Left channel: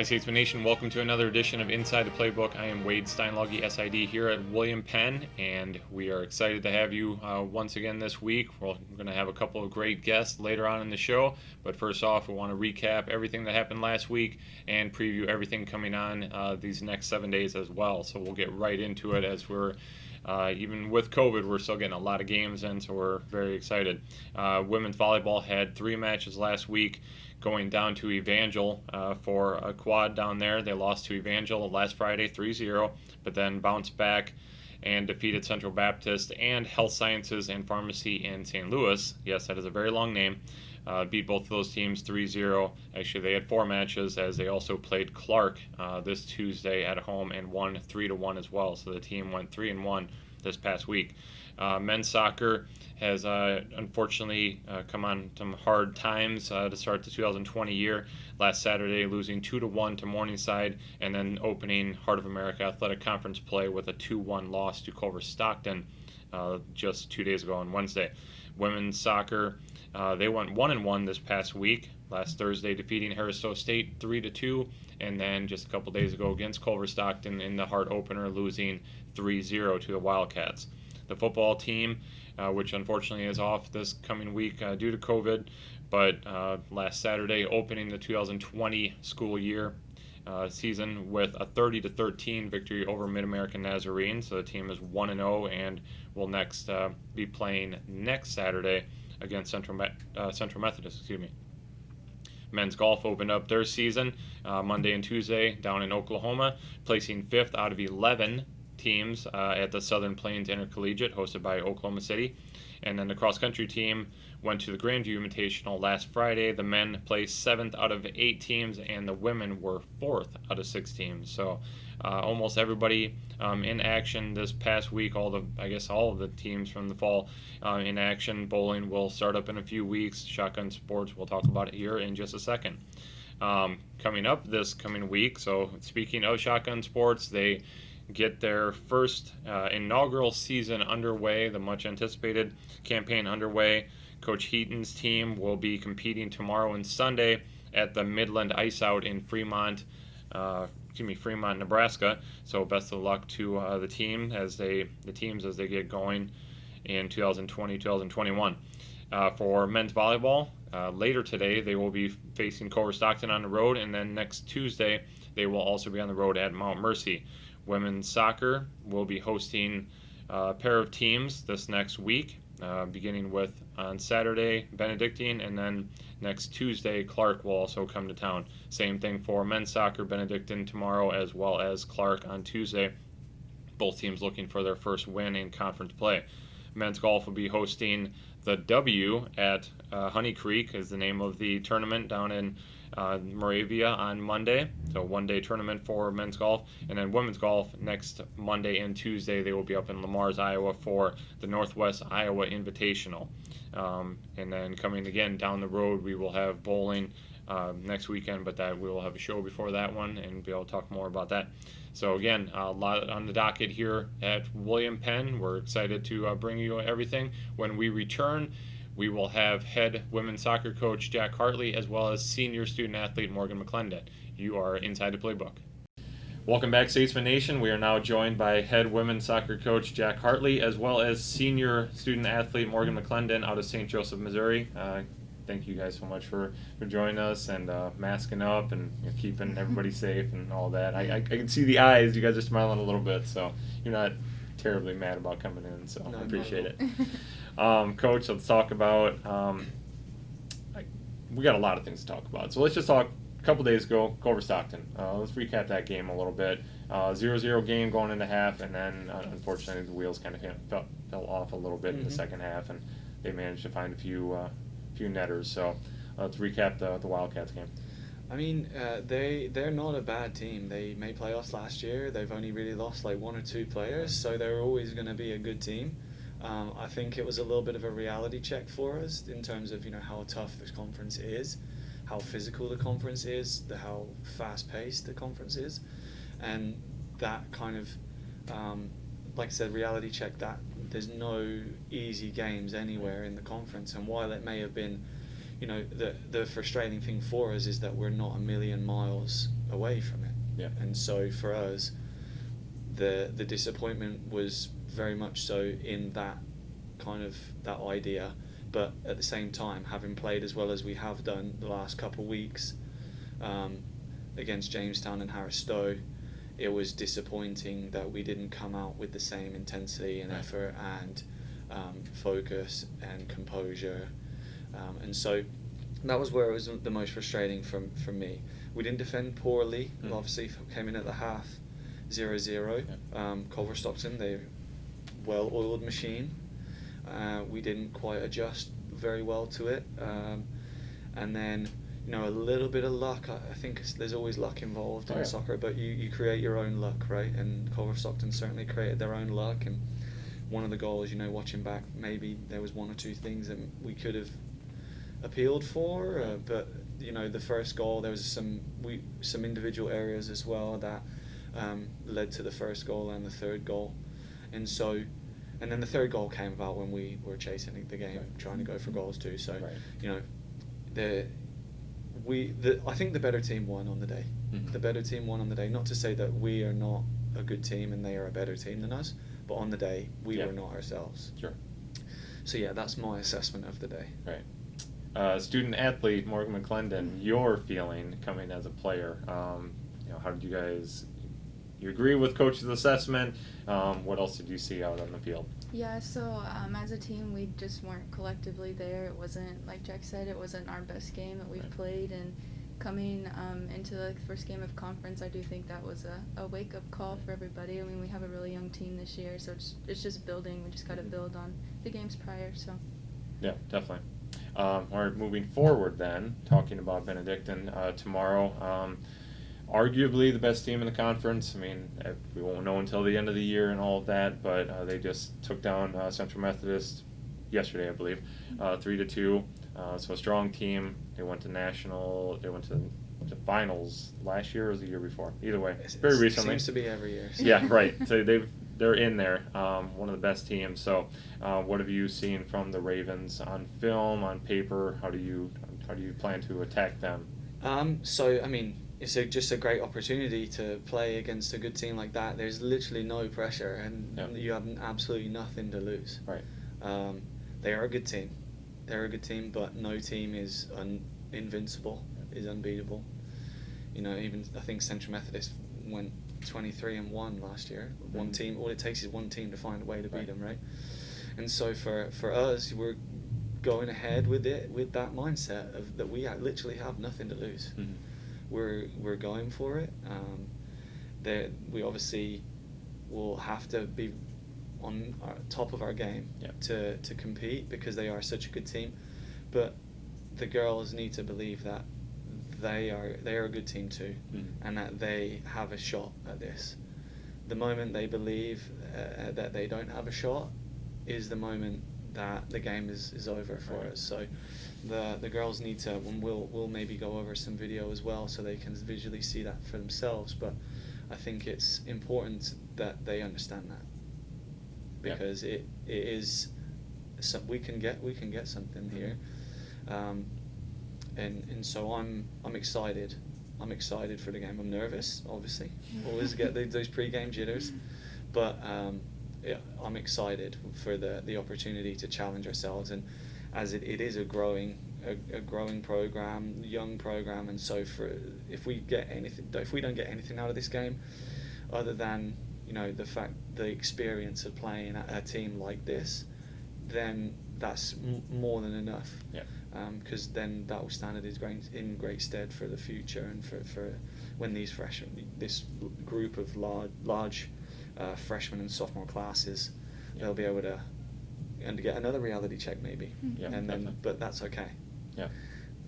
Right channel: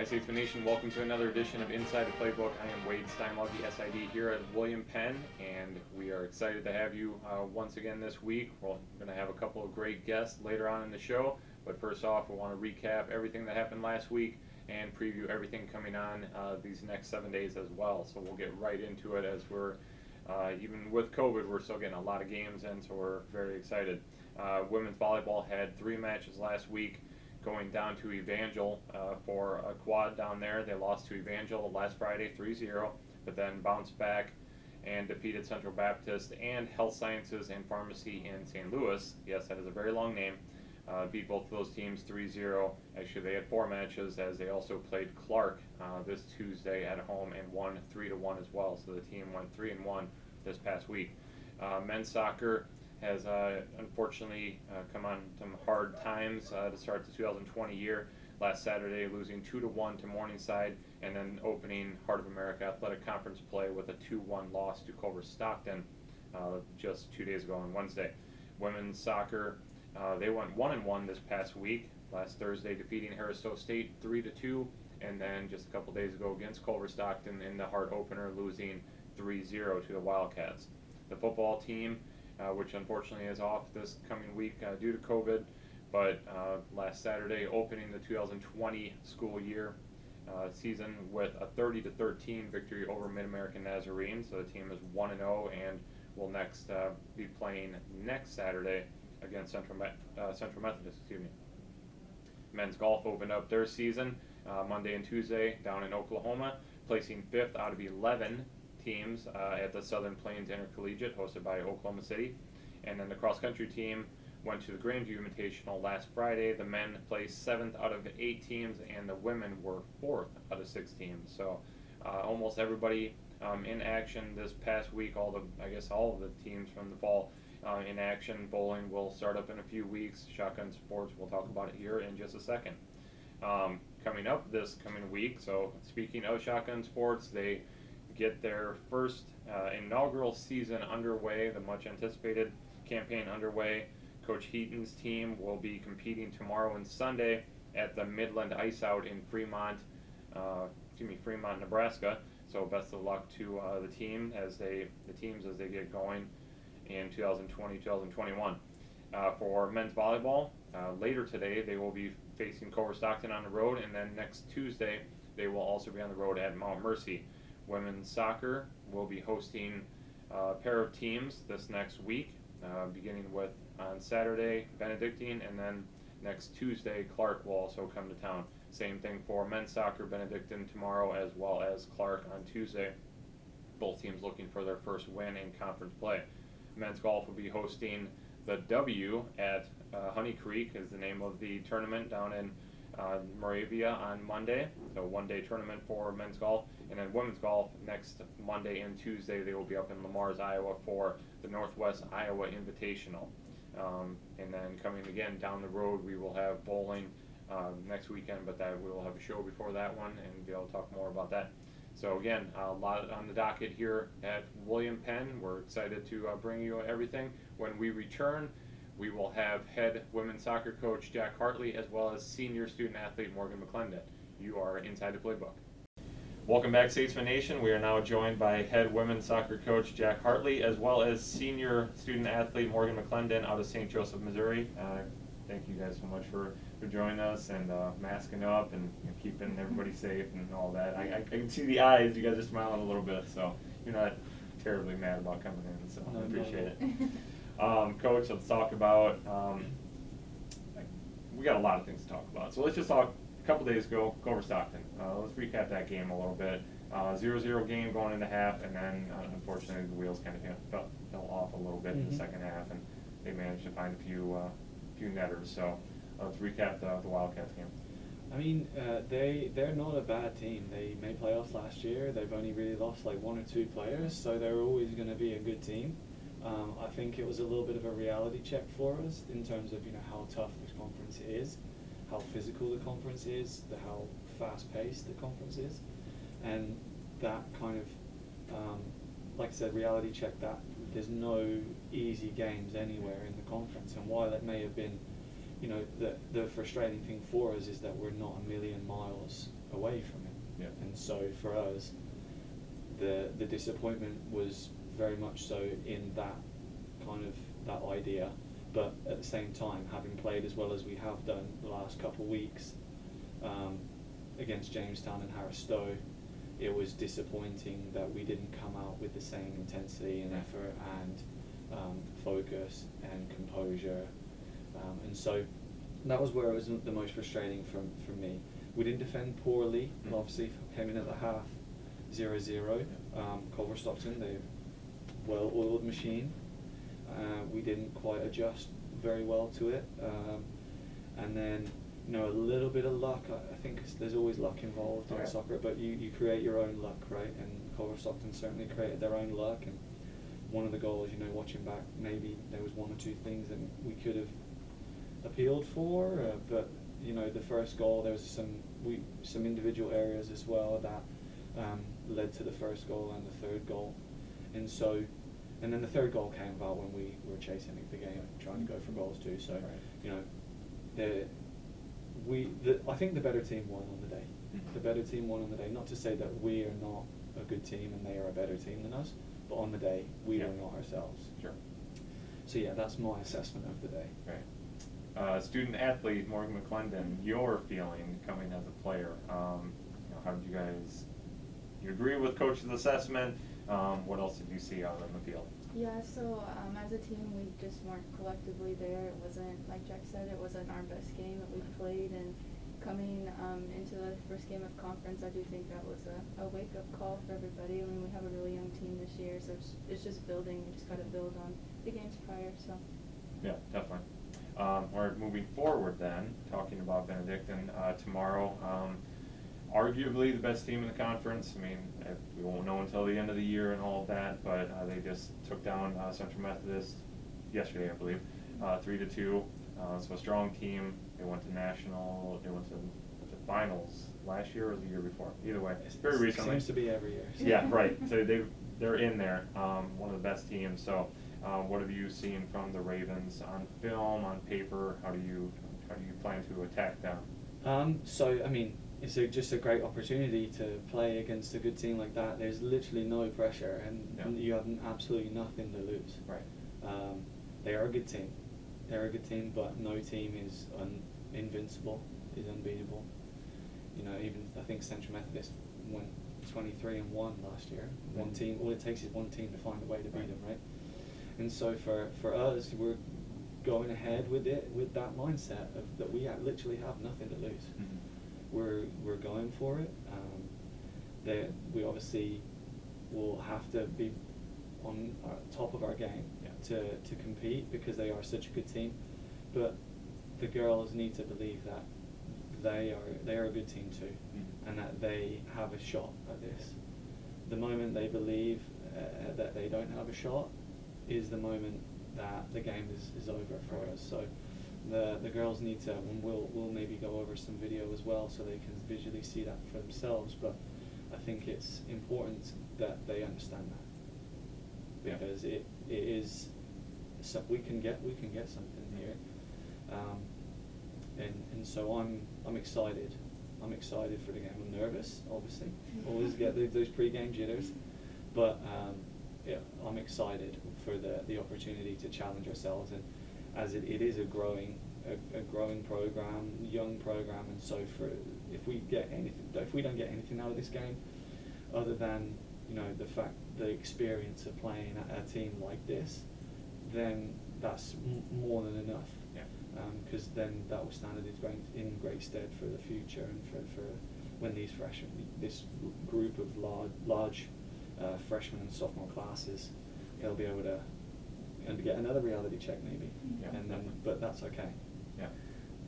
Hi, Statesman Nation. Welcome to another edition of Inside the Playbook. I am Wade Steinloggy, SID, here at William Penn, and we are excited to have you once again this week. We're going to have a couple of great guests later on in the show, but first off, we want to recap everything that happened last week and preview everything coming on these next 7 days as well. So we'll get right into it as we're even with COVID, we're still getting a lot of games in, so we're very excited. Women's volleyball had 3 matches last week, going down to Evangel for a quad down there. They lost to Evangel last Friday 3-0, but then bounced back and defeated Central Baptist and Health Sciences and Pharmacy in St. Louis. Yes, that is a very long name. Beat both of those teams 3-0. Actually, they had 4 matches as they also played Clark this Tuesday at home and won 3-1 as well. So the team went 3-1 this past week. Men's soccer has unfortunately come on some hard times to start the 2020 year. Last Saturday, losing 2-1 to Morningside, and then opening Heart of America Athletic Conference play with a 2-1 loss to Culver Stockton just 2 days ago on Wednesday. Women's soccer, they went 1-1 this past week. Last Thursday, defeating Harris-Stowe State 3-2, and then just a couple days ago against Culver Stockton in the Heart opener, losing 3-0 to the Wildcats. The football team, which unfortunately is off this coming week due to COVID, but last Saturday opening the 2020 school year season with a 30-13 victory over Mid-American Nazarene. So the team is 1-0 and will next be playing next Saturday against Central Methodist. Men's golf opened up their season Monday and Tuesday down in Oklahoma, placing 5th out of 11 teams at the Southern Plains Intercollegiate hosted by Oklahoma City. And then the cross-country team went to the Grandview Invitational last Friday. The men placed 7th out of 8 teams, and the women were 4th out of 6 teams. So almost everybody in action this past week. All of the teams from the fall in action. Bowling will start up in a few weeks. Shotgun sports, we'll talk about it here in just a second. Coming up this coming week, so speaking of shotgun sports, they get their first inaugural season underway, the much anticipated campaign underway. Coach Heaton's team will be competing tomorrow and Sunday at the Midland Ice Out in Fremont, Nebraska. So best of luck to the teams as they get going in 2020-2021. For men's volleyball, later today they will be facing Culver Stockton on the road, and then next Tuesday they will also be on the road at Mount Mercy. Women's soccer will be hosting a pair of teams this next week, beginning with on Saturday Benedictine, and then next Tuesday Clark will also come to town. Same thing for men's soccer, Benedictine tomorrow as well as Clark on Tuesday. Both teams looking for their first win in conference play. Men's golf will be hosting the W at Honey Creek is the name of the tournament down in Moravia on Monday. So 1-day tournament for men's golf. And then women's golf next Monday and Tuesday, they will be up in Lamars, Iowa for the Northwest Iowa Invitational. And then coming again down the road, we will have bowling next weekend, but that we will have a show before that one and be able to talk more about that. So again, a lot on the docket here at William Penn. We're excited to bring you everything. When we return, we will have head women's soccer coach Jack Hartley as well as senior student athlete Morgan McClendon. You are inside the playbook. Welcome back, Statesman Nation. We are now joined by head women's soccer coach Jack Hartley as well as senior student athlete Morgan McClendon out of St. Joseph, Missouri. Thank you guys so much for joining us and masking up and keeping everybody safe and all that. I can see the eyes. You guys are smiling a little bit, so you're not terribly mad about coming in, so I appreciate it. Coach, let's talk about, we got a lot of things to talk about. So let's just talk a couple days ago, Culver Stockton. Let's recap that game a little bit. 0-0 game going into half, and then unfortunately the wheels kind of fell off a little bit in the second half, and they managed to find a few netters. So let's recap the Wildcats game. I mean, they're not a bad team. They made playoffs last year. They've only really lost like 1 or 2 players, so they're always going to be a good team. I think it was a little bit of a reality check for us in terms of how tough this conference is, how physical the conference is, how fast-paced the conference is, and that kind of, like I said, reality check that there's no easy games anywhere in the conference. And while it may have been, the frustrating thing for us is that we're not a million miles away from it. Yeah. And so for us, the disappointment was very much so in that kind of that idea, but at the same time, having played as well as we have done the last couple of weeks against Jamestown and Harris Stowe, it was disappointing that we didn't come out with the same intensity and effort and focus and composure, and so that was where it was the most frustrating from me. We didn't defend poorly. Mm. Obviously, came in at the half 0-0. Culver Stockton, they're well-oiled machine. We didn't quite adjust very well to it, and then a little bit of luck. I think there's always luck involved in soccer, but you create your own luck, right? And Culver Stockton certainly created their own luck. And one of the goals, watching back, maybe there was one or two things that we could have appealed for, but the first goal, there was some individual areas as well that led to the first goal and the third goal, and then the third goal came about when we were chasing the game, trying to go for goals too. So I think the better team won on the day. Mm-hmm. The better team won on the day. Not to say that we are not a good team and they are a better team than us, but on the day we were not ourselves. Sure. So that's my assessment of the day. Right. Student athlete Morgan McClendon, your feeling coming as a player. How did you guys? You agree with coach's assessment? What else did you see out on the field? Yeah, so as a team, we just weren't collectively there. It wasn't, like Jack said, it wasn't our best game that we've played. And coming into the first game of conference, I do think that was a wake-up call for everybody. I mean, we have a really young team this year, so it's just building. We just got to build on the games prior. So. Yeah, definitely. All right, moving forward then, talking about Benedictine tomorrow. Arguably the best team in the conference. I mean, we won't know until the end of the year and all of that, but they just took down Central Methodist yesterday, I believe, 3-2. So a strong team. They went to the finals last year or the year before. Either way, very recently. Seems to be every year. So. Yeah, right. So they're in there. One of the best teams. So what have you seen from the Ravens on film, on paper? How do you plan to attack them? So I mean, it's just a great opportunity to play against a good team like that. There's literally no pressure, and you have absolutely nothing to lose. Right. They are a good team. They're a good team, but no team is invincible, is unbeatable. Even I think Central Methodist went 23-1 last year. Mm-hmm. One team. All it takes is one team to find a way to beat them, right? And so for us, we're going ahead with that mindset of that we literally have nothing to lose. Mm-hmm. We're going for it. We obviously will have to be on top of our game to compete because they are such a good team. But the girls need to believe that they are a good team too, and that they have a shot at this. The moment they believe that they don't have a shot is the moment that the game is over for us. So the girls need to, and we'll maybe go over some video as well so they can visually see that for themselves. But I think it's important that they understand that, because it is we can get something here, and so I'm excited. I'm excited for the game. I'm nervous, obviously. Always get those pre-game jitters, but I'm excited for the opportunity to challenge ourselves, and as it is a growing program, young program, and so if we don't get anything out of this game, other than the experience of playing at a team like this, then that's more than enough. Yeah. Because then that will stand in great stead for the future, and for when this group of large freshman and sophomore classes, they'll be able to get another reality check maybe, but that's okay. Yeah,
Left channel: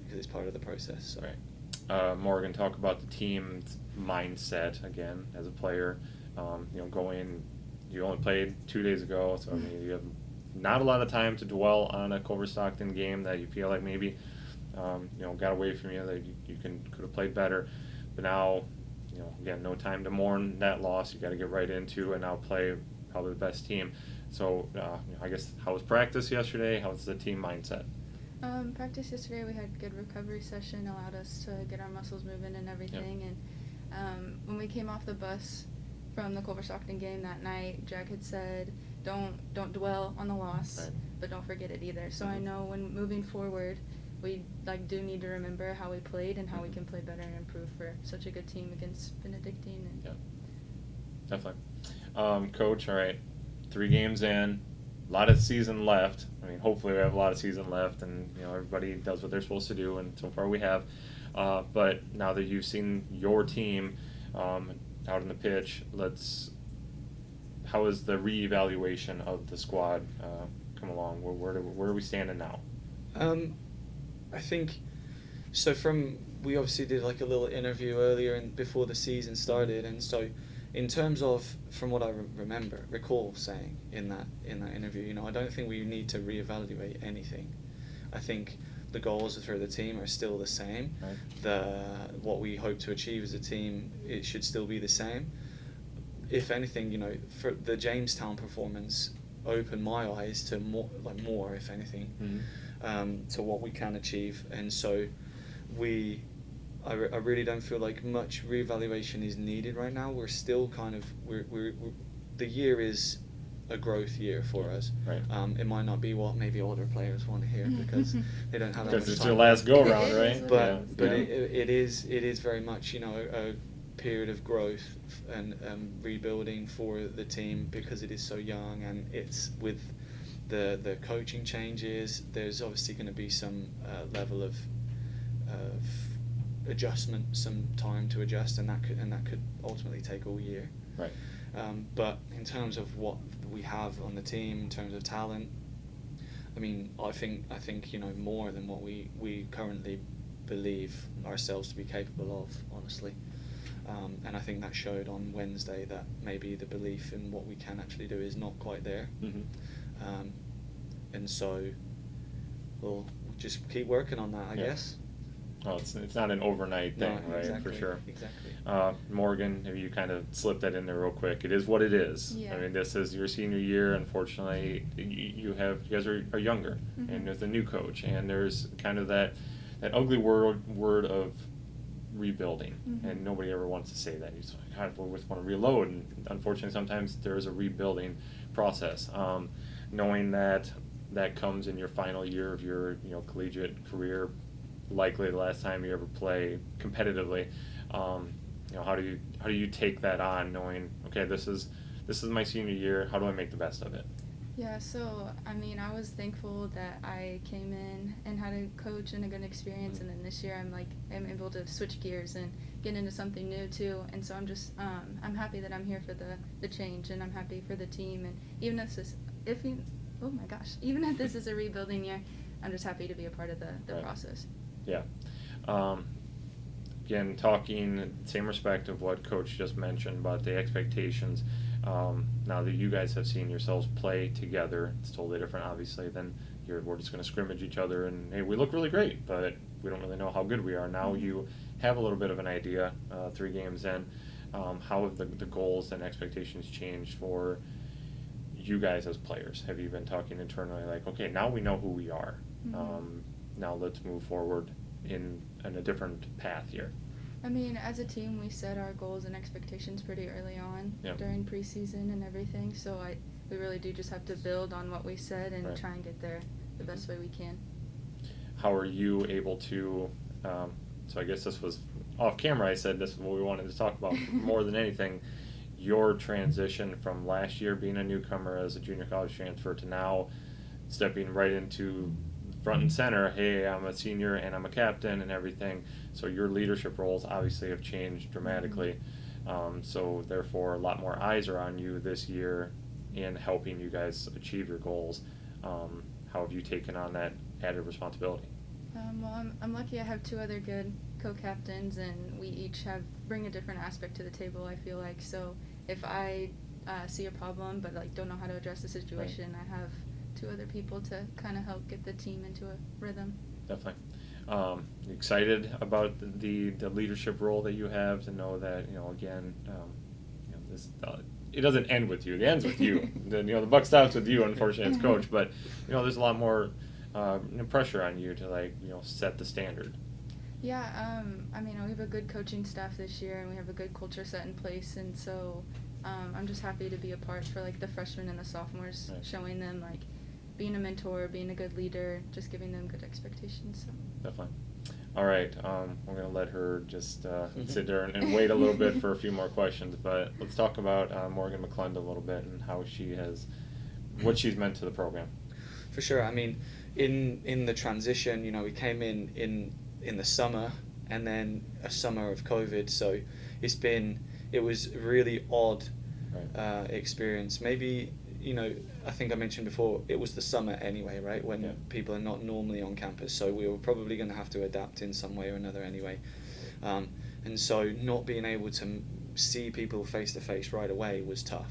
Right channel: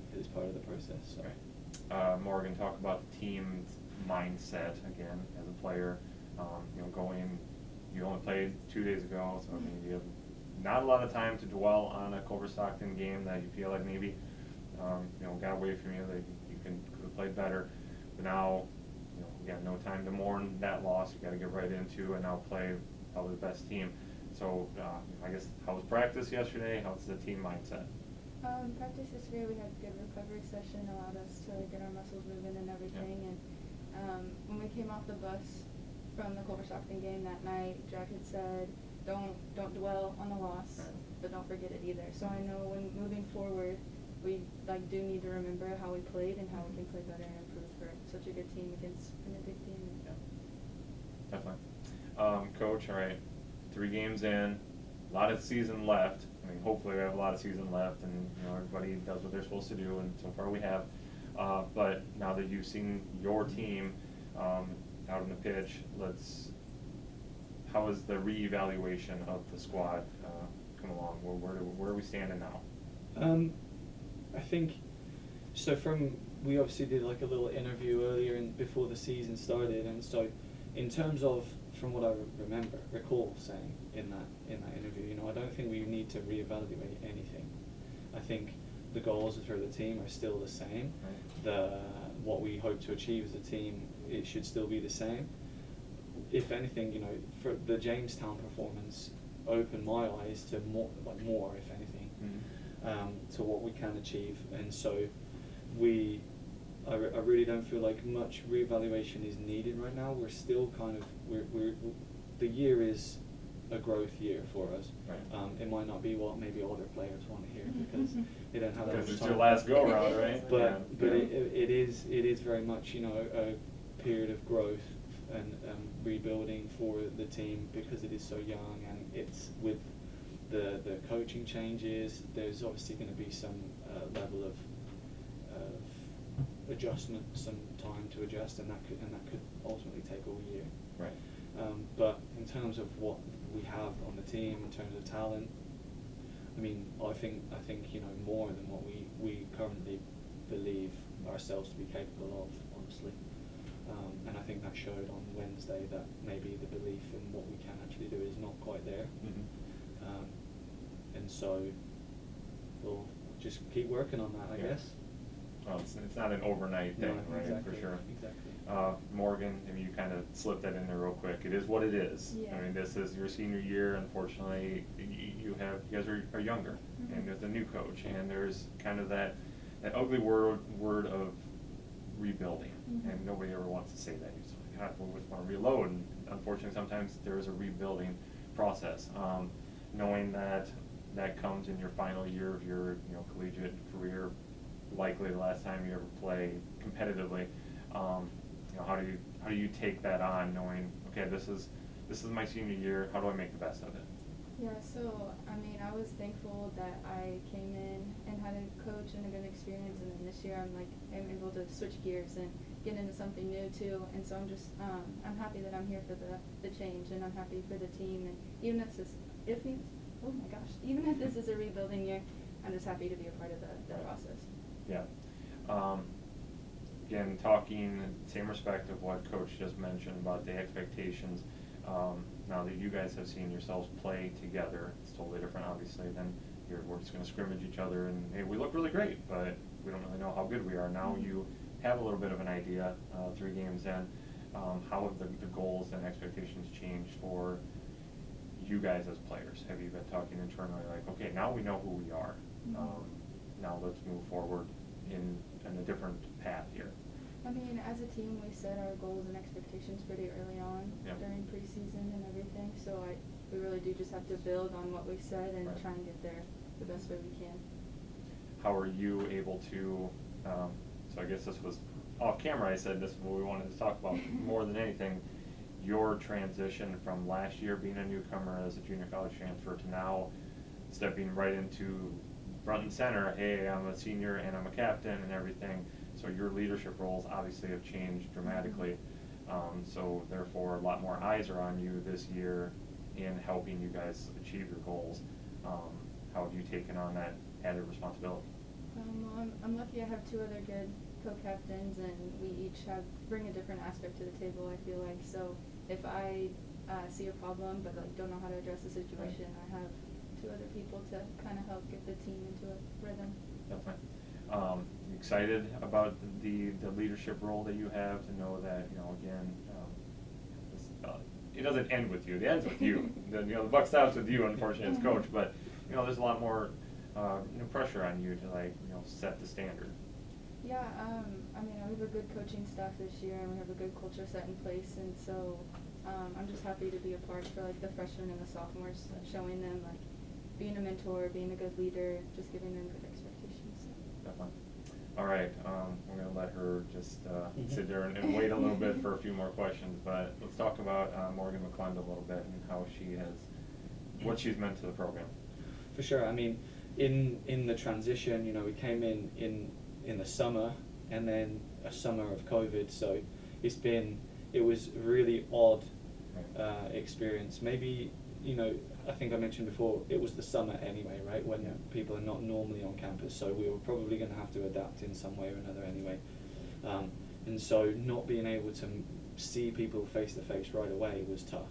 because it's part of the process. So. Right. Morgan, talk about the team's mindset again as a player. You only played 2 days ago, so you have not a lot of time to dwell on a Culver Stockton game that you feel like maybe got away from you, that you could have played better. But now, again, no time to mourn that loss. You got to get right into and now play probably the best team. So I guess, how was practice yesterday? How was the team mindset? Practice yesterday, we had a good recovery session, allowed us to get our muscles moving and everything. When we came off the bus from the Culver Stockton game that night, Jack had said, don't dwell on the loss, Right. but don't forget it either. So I know when moving forward, we do need to remember how we played and how we can play better and improve for such a good team against Benedictine. Yeah, definitely. Coach, all right, 3 games in, a lot of season left. I mean, hopefully we have a lot of season left, and everybody does what they're supposed to do, and so far we have. But now that you've seen your team out on the pitch, how is the reevaluation of the squad come along? Where are we standing now? I think so. We obviously did like a little interview earlier and before the season started, and so in terms of from what I recall saying in that interview, I don't think we need to reevaluate anything. I think the goals for the team are still the same. Right. What we hope to achieve as a team, it should still be the same. If anything, for the Jamestown performance opened my eyes to more, if anything, to what we can achieve, and so I really don't feel like much reevaluation is needed right now. We're still the year is a growth year for us. Right. It might not be what maybe other players want to hear because they don't have that much time. Because it's your last go round, right? But it is very much a period of growth and rebuilding for the team because it is so young, and it's with the coaching changes. There's obviously going to be some level of adjustment, some time to adjust, and that could ultimately take all year. Right. But in terms of what we have on the team, in terms of talent, I mean, I think more than what we currently believe ourselves to be capable of, honestly. And I think that showed on Wednesday that maybe the belief in what we can actually do is not quite there. Mm-hmm. And so we'll just keep working on that, I guess. Well, it's not an overnight thing, No, right? exactly, For sure. Exactly. Morgan, maybe you kind of slipped that in there real quick. It is what it is. Yeah. I mean, this is your senior year. Unfortunately, you guys are younger, Mm-hmm. and there's a new coach, and there's kind of that ugly word of rebuilding, Mm-hmm. and nobody ever wants to say that. You just want to reload, and unfortunately, sometimes there is a rebuilding process. Knowing that comes in your final year of your collegiate career, likely the last time you ever play competitively. How do you take that on, knowing, okay, this is my senior year, how do I make the best of it? Yeah, so I mean, I was thankful that I came in and had a coach and a good experience, and then this year I'm able to switch gears and get into something new too. And so I'm just I'm happy that I'm here for the change, and I'm happy for the team. And even if this is a rebuilding year, I'm just happy to be a part of the Right. process. Yeah. Again, talking same respect of what Coach just mentioned about the expectations. Now that you guys have seen yourselves play together, it's totally different, obviously, than we're just going to scrimmage each other and, hey, we look really great, but we don't really know how good we are. Now you have a little bit of an idea, 3 games in. How have the goals and expectations changed for you guys as players? Have you been talking internally like, okay, now we know who we are. Now let's move forward in a different path here? I mean, as a team, we set our goals and expectations pretty early on during preseason and everything. So we really do just have to build on what we said and try and get there the best way we can. How are you able to? So I guess this was off camera. I said this is what we wanted to talk about more than anything. Your transition from last year being a newcomer as a junior college transfer to now stepping right into front and center. Hey, I'm a senior and I'm a captain and everything. So your leadership roles obviously have changed dramatically. So therefore, a lot more eyes are on you this year in helping you guys achieve your goals. How have you taken on that added responsibility? Well, I'm lucky I have 2 other good co-captains, and we each bring a different aspect to the table, I feel like. So if I see a problem but don't know how to address the situation, I have 2 other people to kind of help get the team into a rhythm. Definitely. Excited about the leadership role that you have, to know that again, this, it doesn't end with you. It ends with you. The buck stops with you, unfortunately, as coach. But there's a lot more pressure on you to set the standard. Yeah, I mean, we have a good coaching staff this year, and we have a good culture set in place, and so I'm just happy to be a part for like the freshmen and the sophomores, Right. showing them like being a mentor, being a good leader, just giving them good expectations. So. Definitely. All right, we're going to let her just sit there and wait a little bit for a few more questions, but let's talk about Morgan McClendon a little bit and how she has, what she's meant to the program. For sure. I mean, in the transition, you know, we came in the summer, and then a summer of COVID, so it was really odd experience. Maybe, you know, I think I mentioned before, it was the summer anyway, right, when people are not normally on campus, so we were probably going to have to adapt in some way or another anyway. And so not being able to see people face to face right away was tough.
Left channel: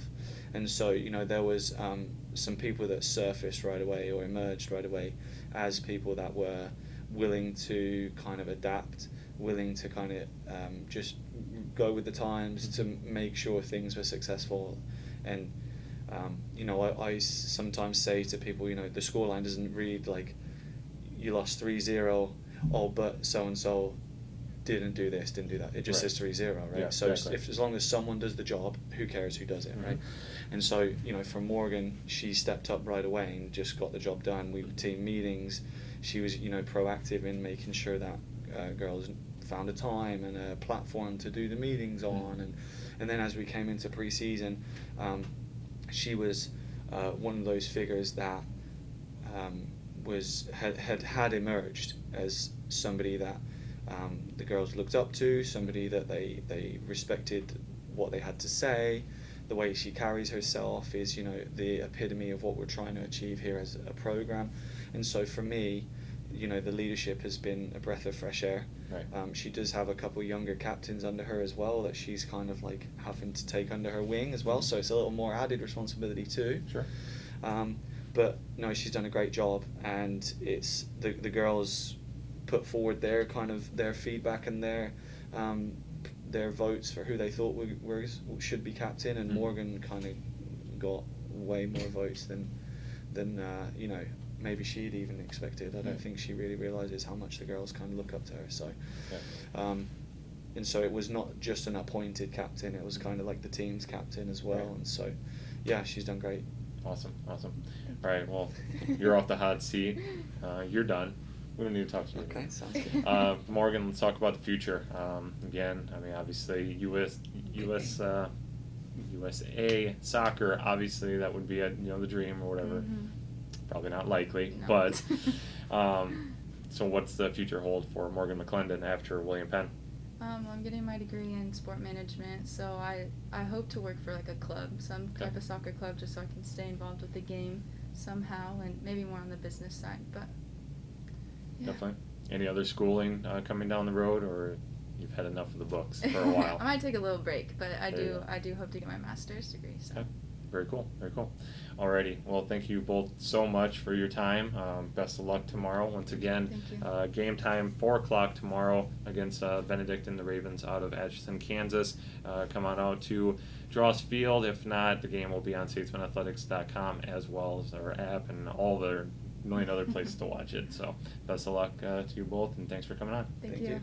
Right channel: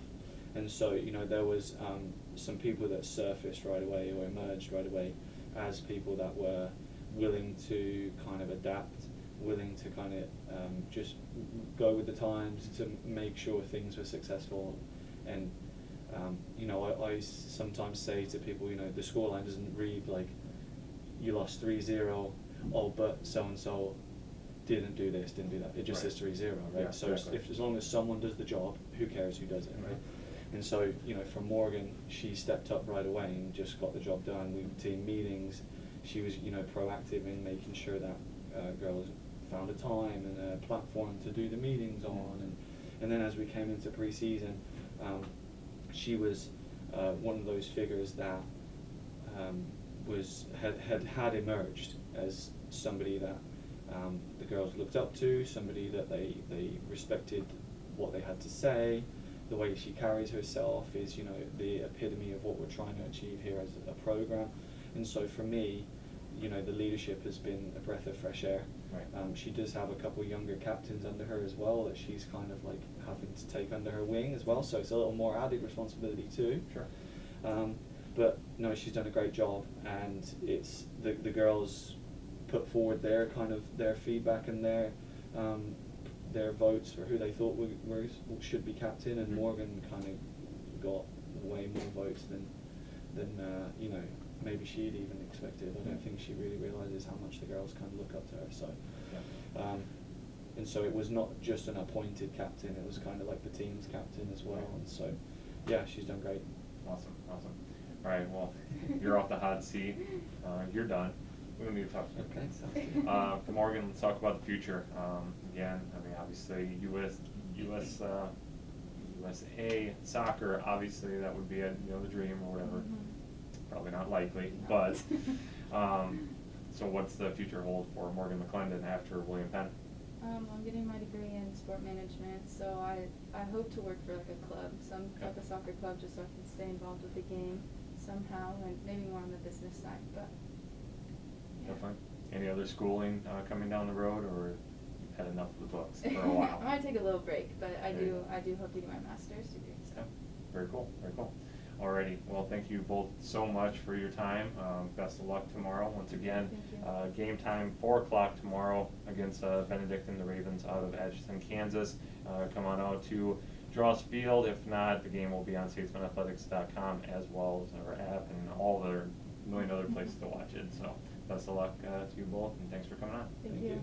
And so, you know, there was some people that surfaced right away or emerged right away as people that were willing to kind of adapt, willing to kind of just go with the times to make sure things were successful. And you know, I sometimes say to people, you know, the scoreline doesn't read like you lost 3-0, oh, but so-and-so didn't do this, didn't do that. It just says 3-0, right? Yeah, so exactly. as long as someone does the job, who cares who does it, right? And so, you know, for Morgan, she stepped up right away and just got the job done. We would team meetings. She was, you know, proactive in making sure that girls found a time and a platform to do the meetings on. And then as we came into preseason, she was one of those figures that had emerged as somebody that the girls looked up to, somebody that they respected what they had to say. The way she carries herself is, you know, the epitome of what we're trying to achieve here as a program. And so for me, you know, the leadership has been a breath of fresh air. Right. She does have a couple younger captains under her as well that she's kind of like having to take under her wing as well, so it's a little more added responsibility too. Sure. But no, she's done a great job, and it's the girls put forward their kind of their feedback and their votes for who they thought should be captain, and Morgan kind of got way more votes than you know, maybe she'd even expected. I don't think she really realizes how much the girls kind of look up to her. So, and so it was not just an appointed captain; it was kind of like the team's captain as well. And so, yeah, she's done great. Awesome. All right, well, you're off the hot seat. You're done. We don't need to talk to you. Okay, sounds good. Morgan, let's talk about the future. Again, I mean, obviously, USA soccer. Obviously, that would be you know, the dream or whatever. Probably not likely, No. but so what's the future hold for Morgan McClendon after William Penn? I'm getting my degree in sport management, so I hope to work for like a club, some type of soccer club, just so I can stay involved with the game somehow, and maybe more on the business side. But yeah. Definitely. Any other schooling coming down the road, or you've had enough of the books for a while? I might take a little break, but I There you do go. hope to get my master's degree. So. Okay. Very cool. Alrighty, well, thank you both so much for your time. Best of luck tomorrow. Once again, Thank you. game time 4 o'clock tomorrow against Benedict and the Ravens out of Atchison, Kansas. Come on out to Dross Field. If not, the game will be on statesmanathletics.com as well as our app and all the million other places to watch it. So best of luck to you both, and thanks for coming on. Thank you.